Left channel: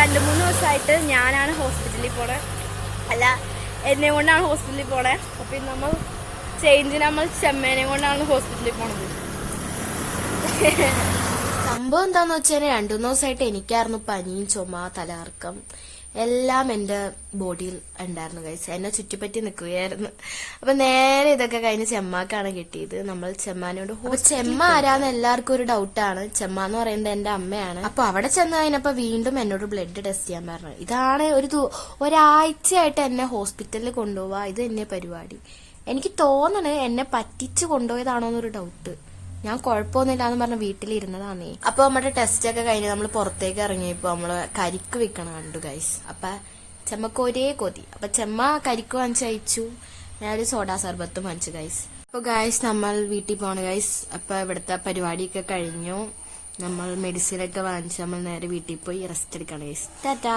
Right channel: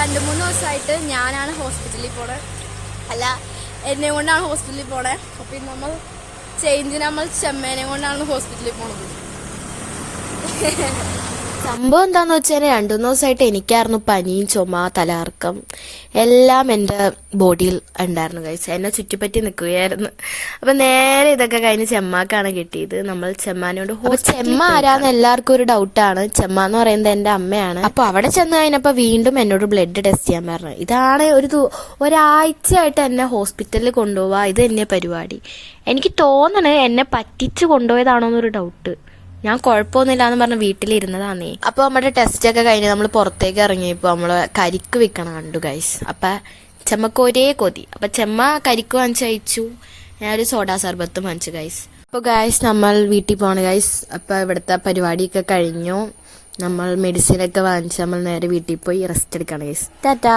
2-3 ദിവസമായിട്ട് ഞാനാണ് ഹോസ്പിറ്റലിൽ പോണേ, അല്ല എന്നെ കൊണ്ടാണ് ഹോസ്പിറ്റലിൽ പോണേ. അപ്പൊ നമ്മൾ ചേഞ്ചിന് നമ്മൾ ചെമ്മേനെ കൊണ്ടാണ് ഹോസ്പിറ്റലിൽ പോണത്. സംഭവം എന്താന്ന് വെച്ചാൽ 2-3 ദിവസമായിട്ട് എനിക്കായിരുന്നു പനിയും ചുമ തലകറക്കം എല്ലാം എന്റെ ബോഡിയിൽ ഉണ്ടായിരുന്നു ഗൈസ്. എന്നെ ചുറ്റിപ്പറ്റി നിൽക്കുകയായിരുന്നു. അപ്പൊ നേരെ ഇതൊക്കെ കഴിഞ്ഞ് ചെമ്മാക്കാണ് കിട്ടിയത്. നമ്മൾ ചെമ്മാനോട് ചെമ്മ ആരാന്ന് എല്ലാവർക്കും ഒരു ഡൗട്ടാണ്. ചെമ്മ എന്ന് പറയുന്നത് എന്റെ അമ്മയാണ്. അപ്പൊ അവിടെ ചെന്ന് കഴിഞ്ഞപ്പോ വീണ്ടും എന്നോട് ബ്ലഡ് ടെസ്റ്റ് ചെയ്യാൻ പറഞ്ഞു. ഇതാണ് ഒരാഴ്ചയായിട്ട് എന്നെ ഹോസ്പിറ്റലിൽ കൊണ്ടുപോവാ, ഇത് തന്നെ പരിപാടി. എനിക്ക് തോന്നണേ എന്നെ പറ്റിച്ചു കൊണ്ടുപോയതാണോന്നൊരു ഡൗട്ട്. ഞാൻ കുഴപ്പമൊന്നുമില്ല എന്ന് പറഞ്ഞ് വീട്ടിലിരുന്നതാന്നേ. അപ്പൊ നമ്മുടെ ടെസ്റ്റ് ഒക്കെ കഴിഞ്ഞ് നമ്മൾ പുറത്തേക്ക് ഇറങ്ങിയപ്പോ നമ്മള് കരിക്ക് വിൽക്കണം കണ്ടു ഗൈസ്. അപ്പൊ ചെമ്മക്ക് ഒരേ കൊതി. അപ്പൊ ചെമ്മ കരിക്ക് വാങ്ങിച്ചു അയച്ചു, ഞാനൊരു സോഡാ സർബത്തും വാങ്ങിച്ചു ഗൈസ്. അപ്പൊ ഗൈസ് നമ്മൾ വീട്ടിൽ പോണ ഗൈസ്. അപ്പൊ ഇവിടുത്തെ പരിപാടിയൊക്കെ കഴിഞ്ഞു. നമ്മൾ മെഡിസിൻ ഒക്കെ വാങ്ങിച്ച് നമ്മൾ നേരെ വീട്ടിൽ പോയി റെസ്റ്റ് എടുക്കണം ഗൈസ്. ടാറ്റാ.